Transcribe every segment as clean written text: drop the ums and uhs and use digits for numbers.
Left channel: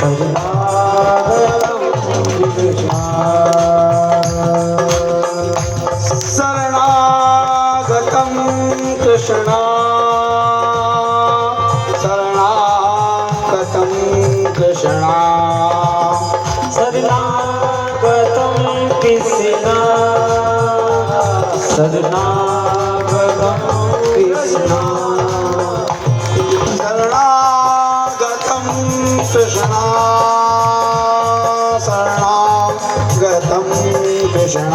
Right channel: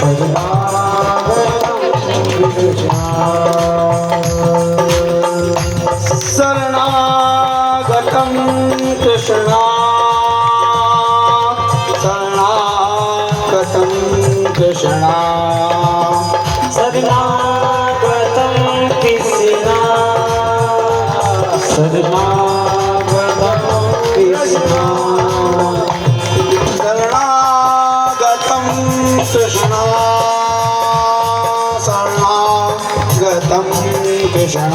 शरणागतं कृष्ण शरणागतं कृष्ण शरणागतं कृष्ण शरणागतं कृष्ण शरणागतं कृष्ण शरणागतं कृष्ण शरणागतं कृष्ण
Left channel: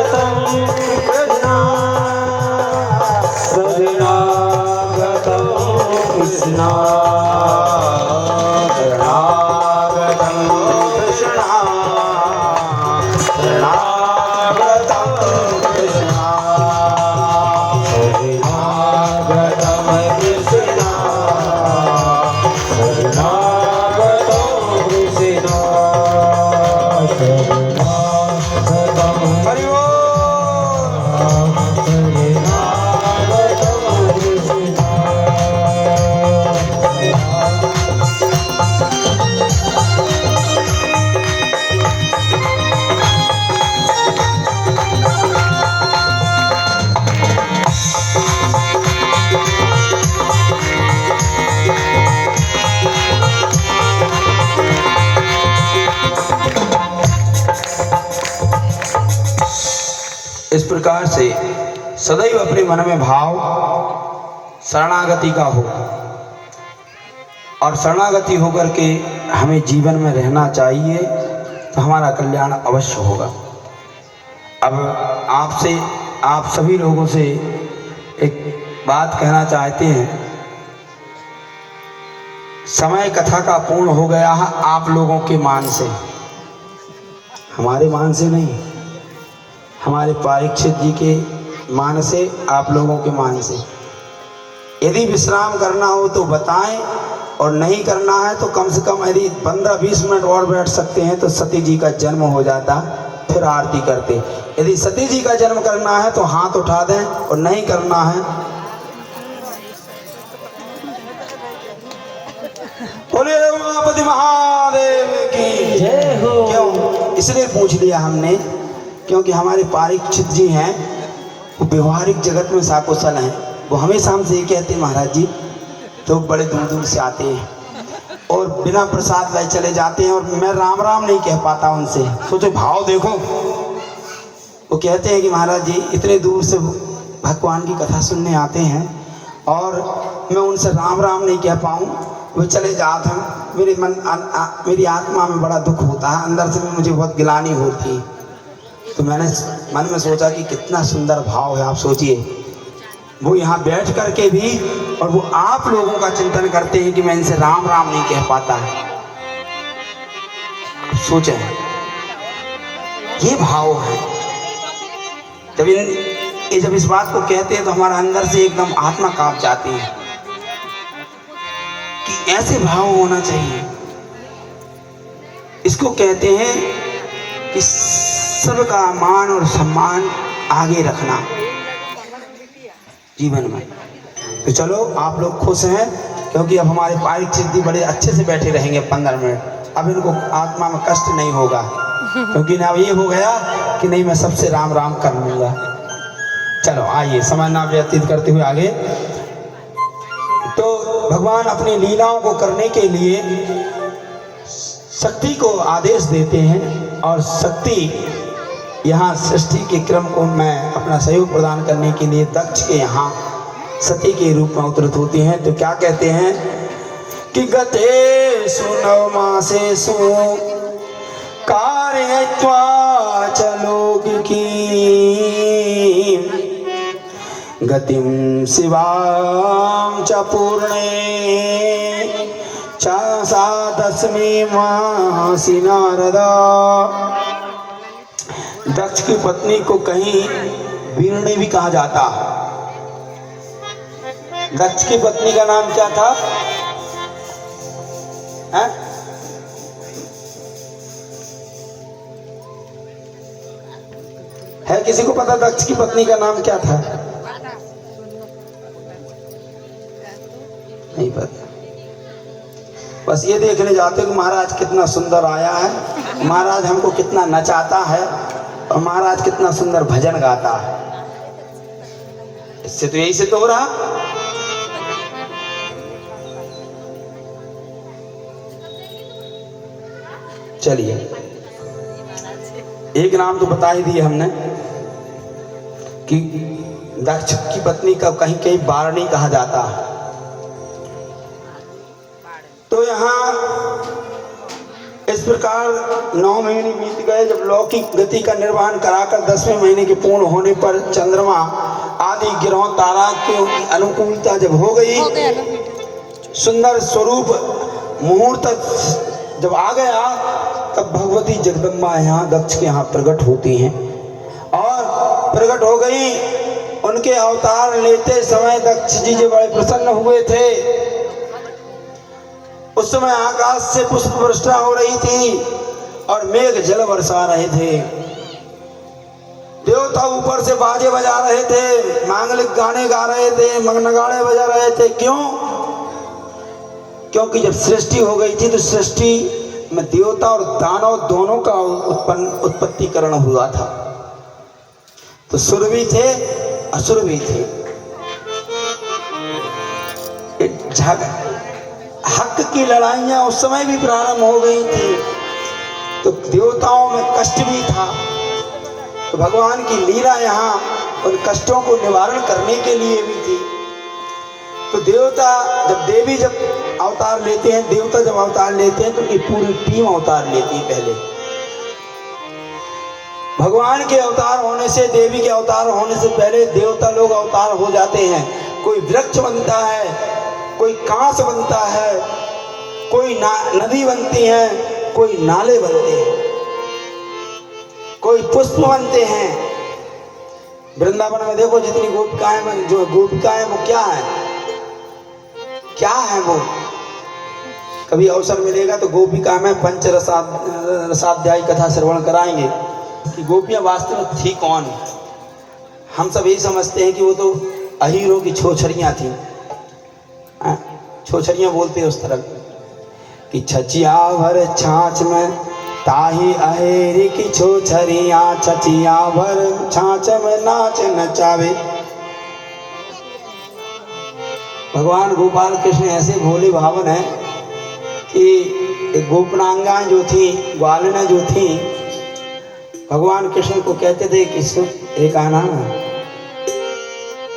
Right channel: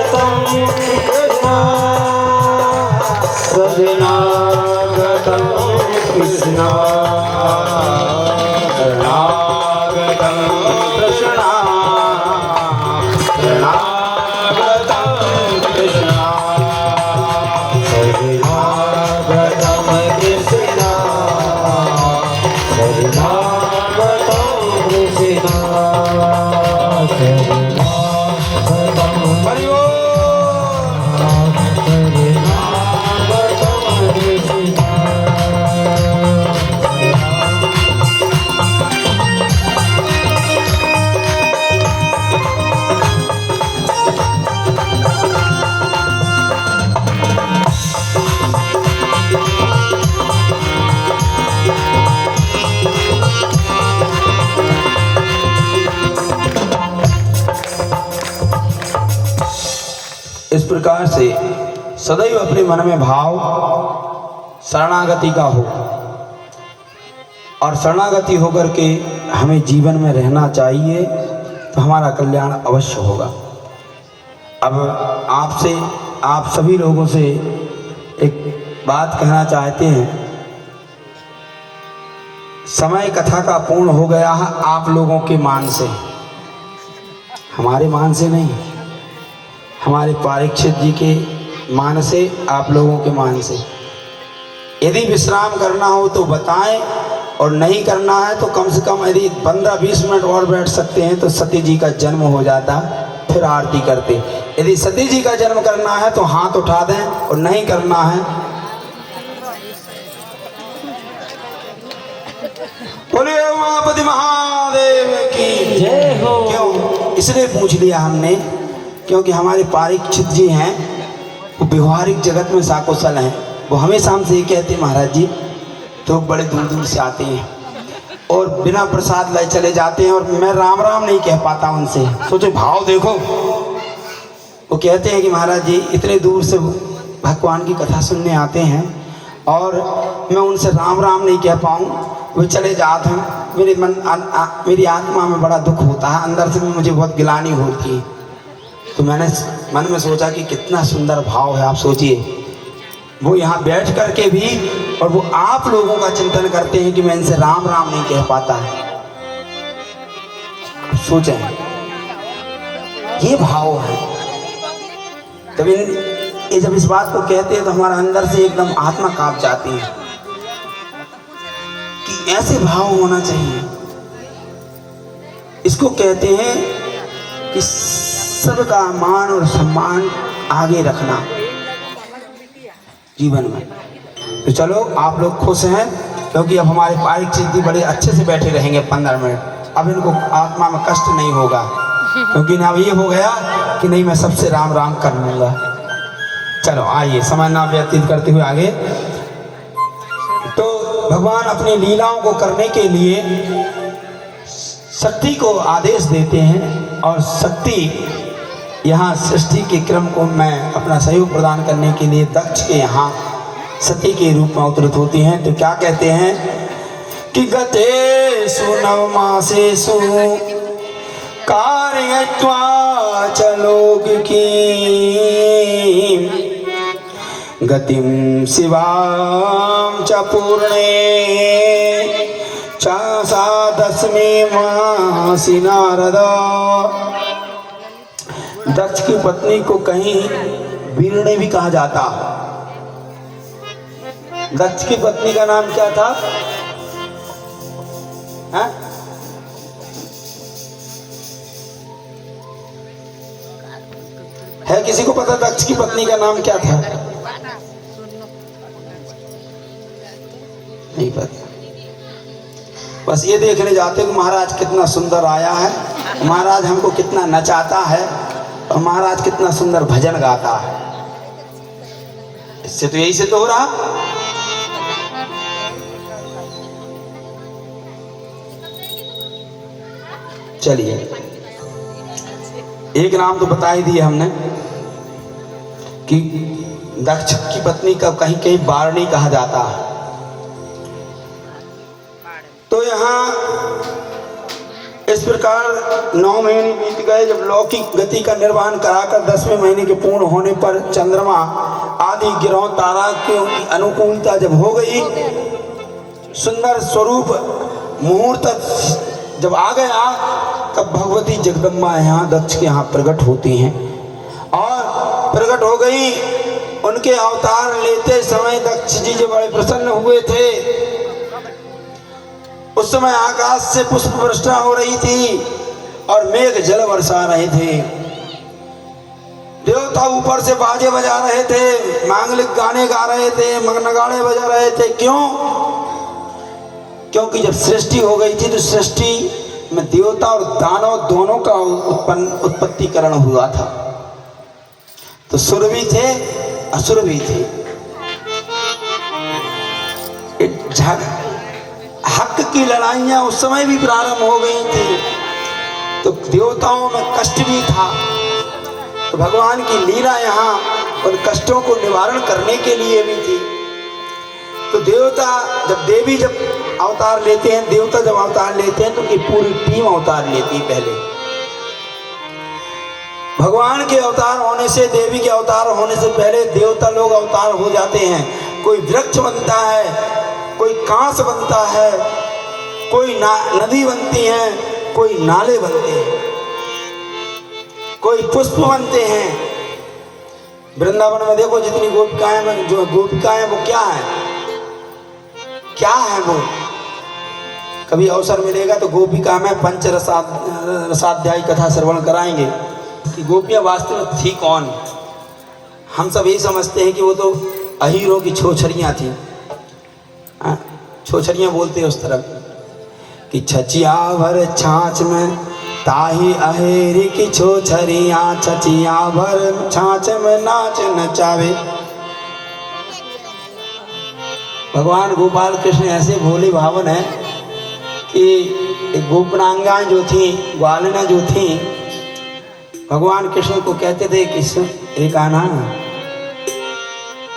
शरणागतं कृष्ण शरणागतं कृष्ण शरणागतं कृष्ण शरणागतं कृष्ण शरणागतं कृष्ण शरणागतं हरि ओम शरणागतं कृष्ण इस प्रकार से सदैव अपने मन में भाव शरणागति का हो और शरणागति होकर के हमें जीवन में रहना चाहिए तो हमारा कल्याण अवश्य होगा। अब आपसे आप सभी लोगों से एक बात कहना चाहते हैं। समय कथा का पूर्ण हो गया है आप लोगों के मान से, हमारे मान से नहीं, हमारे परीक्षित जी के मान से, आप लोगों के मान से। यदि विश्राम करना हो तो बताएं और नहीं करना है तो कम से कम यदि 15-20 मिनट और बैठ सकते हैं तो सती जी का जन्म हो जाता, फिर आरती करते। यदि सती जी का जन्म करना है तो हाथ उठा दें और नहीं करना है बोलिए उमापति महादेव की जय हो। क्यों इसलिए पूछ लिया हमने क्योंकि हमारे परीक्षित जी हैं वो व्यवहारिक जगत में साकुशल हैं। वो हमेशा हमसे ये कहते हैं महाराज जी तो बड़े दूर दूर से आते हैं और बिना प्रसाद लाए चले जाते हैं और मैं राम राम नहीं कह पाता उनसे। सोचो भाव देखो, वो कहते हैं कि महाराज जी इतने दूर से भगवान की कथा सुनने आते हैं और मैं उनसे राम राम नहीं कह पाऊँ, वो चले जाते हैं। मेरी आत्मा में बड़ा दुख होता है, अंदर से मुझे बहुत गिलानी होती है। तो मैंने मन में सोचा कि कितना सुंदर भाव है। आप सोचिए वो यहाँ बैठ कर के भी और वो आप लोगों का चिंतन करते हैं कि मैं इनसे राम राम नहीं कह पाता। सोचें ये भाव है। जब इस बात को कहते हैं तो हमारा अंदर से एकदम आत्मा कांप जाती है कि ऐसे भाव होना चाहिए। इसको कहते हैं कि सबका मान और सम्मान आगे रखना जीवन में। तो चलो आप लोग खुश हैं क्योंकि अब हमारे परीक्षित जी बड़े अच्छे से बैठे रहेंगे 15 मिनट। अब इनको आत्मा में कष्ट नहीं होगा क्योंकि ना ये हो गया कि नहीं मैं सबसे राम राम कर लूँगा। चलो आइए समय ना व्यतीत करते हुए आगे। तो भगवान अपनी लीलाओं को करने के लिए शक्ति को आदेश देते हैं और शक्ति यहाँ सृष्टि के क्रम को मैं अपना सहयोग प्रदान करने के लिए दक्ष के यहाँ सती के रूप में अवतरित होती हैं। तो क्या कहते हैं कि गतेषु नवमासेषु कारयित्वा च लौकिकीं गतिं शिवां च पूर्णे च सा दशमी मासी नारदा। दक्ष की पत्नी को कहीं वीरणी भी कहा जाता। दक्ष की पत्नी का नाम क्या था? है किसी को पता दक्ष की पत्नी का नाम क्या था? नहीं पता, बस ये देखने जाते कि महाराज कितना सुंदर आया है, महाराज हमको कितना नचाता है और महाराज कितना सुंदर भजन गाता है। इससे तो यही से तो हो रहा। चलिए, एक नाम तो बता ही दिए हमने कि दक्ष की पत्नी का कहीं कहीं बारणी कहा जाता है। तो यहाँ इस प्रकार 9 महीने बीत गए। जब लौकिक गति का निर्वहन कराकर 10वें महीने के पूर्ण होने पर चंद्रमा आदि ग्रहों तारा की अनुकूलता जब हो गई, सुंदर स्वरूप मुहूर्त जब आ गया, तब भगवती जगदम्बा यहाँ दक्ष के यहाँ प्रकट होती हैं और प्रकट हो गई। उनके अवतार लेते समय दक्ष जी जो बड़े प्रसन्न हुए थे। उस समय आकाश से पुष्प वर्षा हो रही थी और मेघ जल बरसा रहे थे। देवता ऊपर से बाजे बजा रहे थे, मांगलिक गाने गा रहे थे, नगाड़े बजा रहे थे। क्यों? क्योंकि जब सृष्टि हो गई थी तो सृष्टि में देवता और दानव दोनों का उत्पत्तिकरण हुआ था। तो सुर भी थे, असुर भी थे। हक की लड़ाइयां उस समय भी प्रारंभ हो गई थी, तो देवताओं में कष्ट भी था। तो भगवान की लीला यहाँ उन कष्टों को निवारण करने के लिए भी थी। तो देवता जब देवी जब अवतार लेते हैं, देवता जब अवतार लेते हैं तो उनकी पूरी टीम अवतार लेती है। पहले भगवान के अवतार होने से, देवी के अवतार होने से पहले देवता लोग अवतार हो जाते हैं। कोई वृक्ष बनता है, कोई कांस बनता है, कोई नदी बनती है, कोई नाले बनते हैं, कोई पुष्प बनते हैं। वृंदावन में देखो जितनी गोपिकाएं, जो गोपिकाएं वो क्या है, क्या है वो? कभी अवसर मिलेगा तो गोपिका में रसाध्यायी कथा श्रवण कराएंगे कि गोपियां वास्तव में थी कौन। हम सब यही समझते हैं कि वो तो अहीरों की छोछरियां थी। छोछरियां बोलते हैं उस तरह कि छचिया भर छाछ में ताही अहेरी की छोछरियां, छचिया भर छाछ में नाच नचावे। भगवान गोपाल कृष्ण ऐसे भोले भावन है कि गोपनांगाएं जो थी, ग्वालिना जो थी, भगवान कृष्ण को कहते थे कि एक आना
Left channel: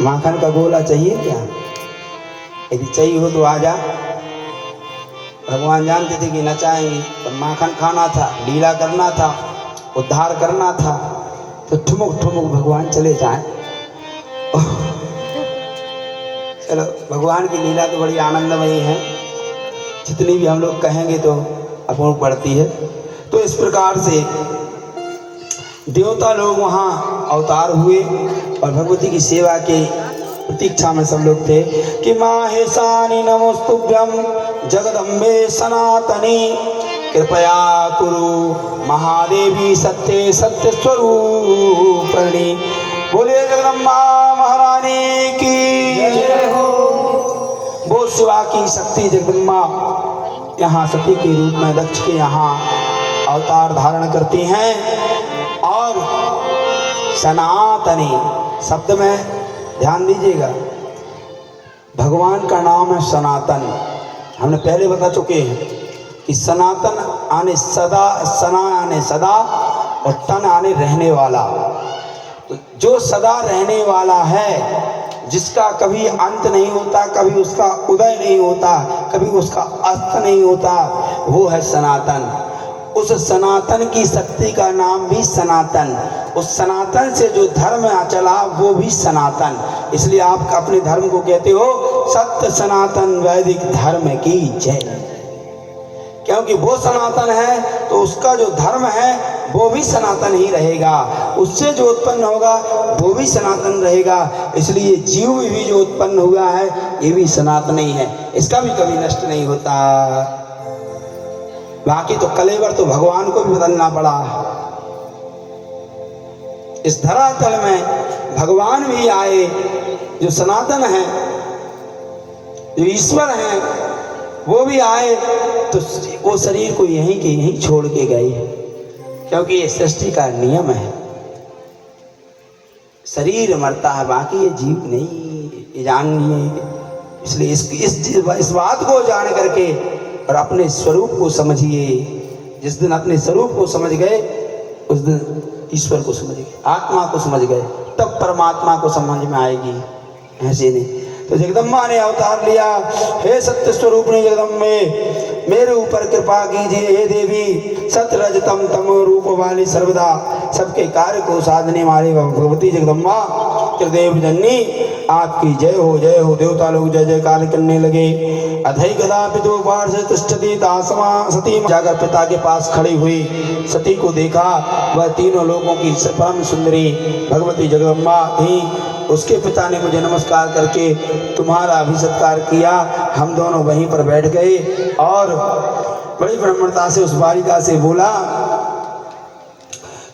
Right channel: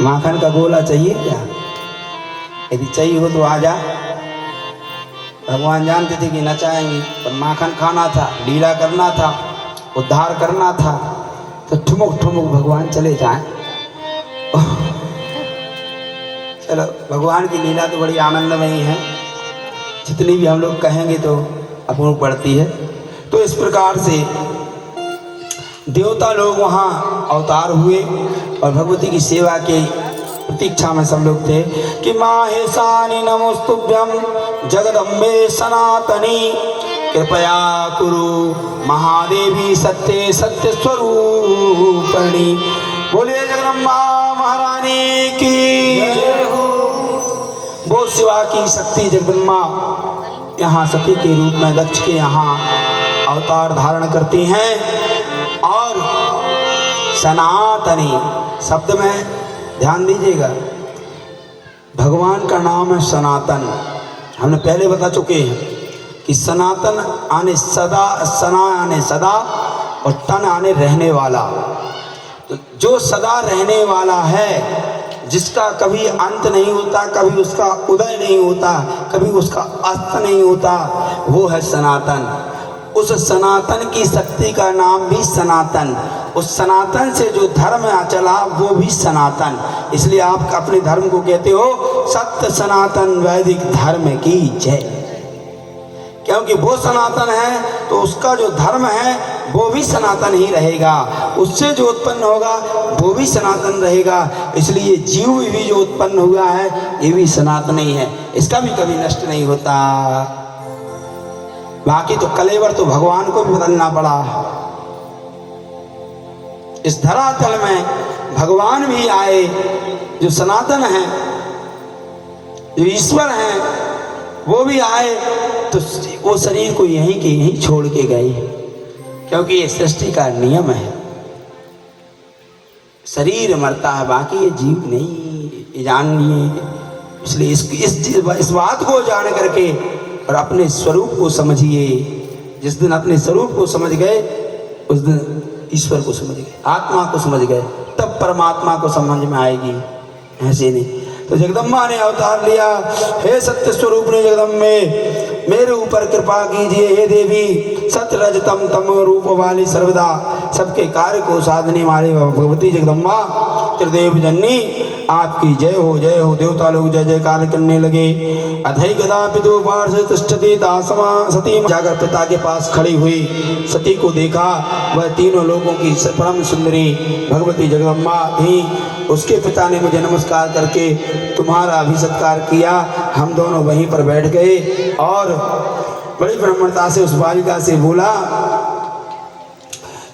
माखन का गोला चाहिए क्या? यदि चाहिए हो तो आ जा। भगवान जानते थे कि नचाएंगे, पर माखन खाना था, लीला करना था, उद्धार करना था, तो ठुमुक ठुमुक भगवान चले जाए। चलो, भगवान की लीला तो बड़ी आनंदमयी है, जितनी भी हम लोग कहेंगे तो अपूर्ण पड़ती है। तो इस प्रकार से देवता लोग वहाँ अवतार हुए और भगवती की सेवा के प्रतीक्षा में सब लोग थे कि माहेशानी नमोस्तुभ्यं जगदम्बे सनातनी कृपया कुरु महादेवी सत्य सत्य स्वरूपिणी। बोलिए जगदम्बा महारानी की जय हो। वो शिवा की शक्ति जगदम्बा यहाँ सती के रूप में दक्ष के यहाँ अवतार धारण करती हैं। और सनातनी शब्द में ध्यान दीजिएगा, भगवान का नाम है सनातन। हमने पहले बता चुके हैं कि सनातन आने सदा, सना आने सदा और तन आने रहने वाला। तो जो सदा रहने वाला है, जिसका कभी अंत नहीं होता, कभी उसका उदय नहीं होता, कभी उसका अस्त नहीं होता, वो है सनातन। उस सनातन की शक्ति का नाम भी सनातन। उस सनातन से जो धर्म चला वो भी सनातन। इसलिए आप अपने धर्म को कहते हो सत्य सनातन वैदिक धर्म की जय। क्योंकि वो सनातन है तो उसका जो धर्म है वो भी सनातन ही रहेगा, उससे जो उत्पन्न होगा वो भी सनातन रहेगा। इसलिए जीव भी जो उत्पन्न हुआ है ये भी सनातन ही है, इसका भी कभी नष्ट नहीं होता। बाकी तो कलेवर तो भगवान को भी बदलना पड़ा। इस धरातल में भगवान भी आए जो सनातन है, जो ईश्वर हैं वो भी आए तो वो शरीर को यहीं के यहीं छोड़ के गए, क्योंकि ये सृष्टि का नियम है। शरीर मरता है, बाकी ये जीव नहीं, ये जानिए। इसलिए इस बात को जान करके और अपने स्वरूप को समझिए। जिस दिन अपने स्वरूप को समझ गए उस दिन ईश्वर को समझ गए, आत्मा को समझ गए, तब परमात्मा को समझ में आएगी, ऐसे नहीं। तो जगदम्बा ने अवतार लिया, हे सत्य स्वरूप ने जगदम्बे मेरे ऊपर कृपा कीजिए, हे देवी सत रजतम तम रूप वाली सर्वदा सबके कार्य को साधने वाले भगवती जगदम्बा त्रिदेव जननी आपकी जय हो देवता लोग जय जयकार करने लगे। अधै गदा पितु पार्श्वे तिष्ठति दासमा सती जाकर पिता के पास खड़ी हुई सती को देखा, वह तीनों लोगों की परम सुंदरी भगवती जगदम्बा थी। उसके पिता ने मुझे नमस्कार करके तुम्हारा भी सत्कार किया। हम दोनों वहीं पर बैठ गए और बड़ी ब्राह्मणता से उस बालिका से बोला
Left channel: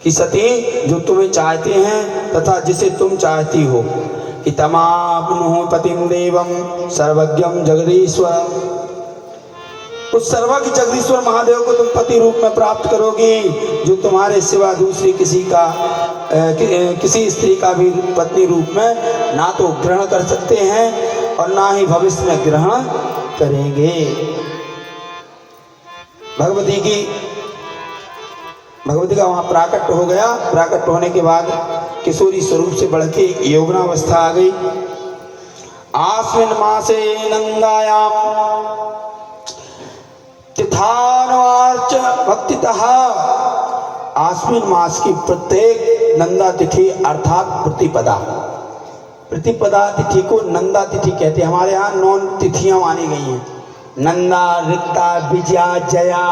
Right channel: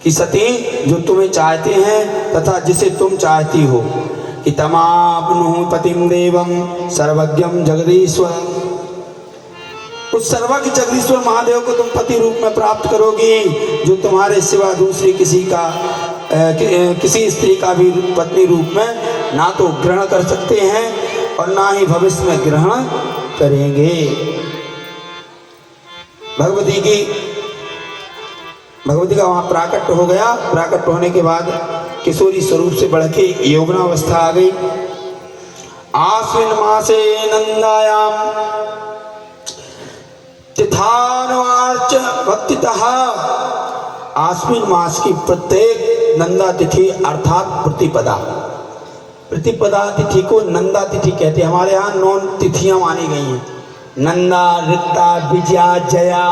कि सती, जो तुम्हें चाहते हैं तथा जिसे तुम चाहती हो कि तमाप्नुः पतिं देवं सर्वज्ञं जगदीश्वर, उस सर्वज्ञ जगदीश्वर महादेव को तुम पति रूप में प्राप्त करोगी, जो तुम्हारे सिवा दूसरी किसी स्त्री का भी पत्नी रूप में ना तो ग्रहण कर सकते हैं और ना ही भविष्य में ग्रहण करेंगे। भगवती का वहाँ प्राकट हो गया। प्राकट होने के बाद किशोरी स्वरूप से बढ़ के यौवनावस्था आ गई। आश्विन मासे नंदायाम तिथानवार्च भक्तितः, आश्विन मास की प्रत्येक नंदा तिथि अर्थात प्रतिपदा तिथि को नंदा तिथि कहते हैं। हमारे यहाँ 9 तिथियां मानी गई हैं, नंदा, रिक्ता, विजया, जया।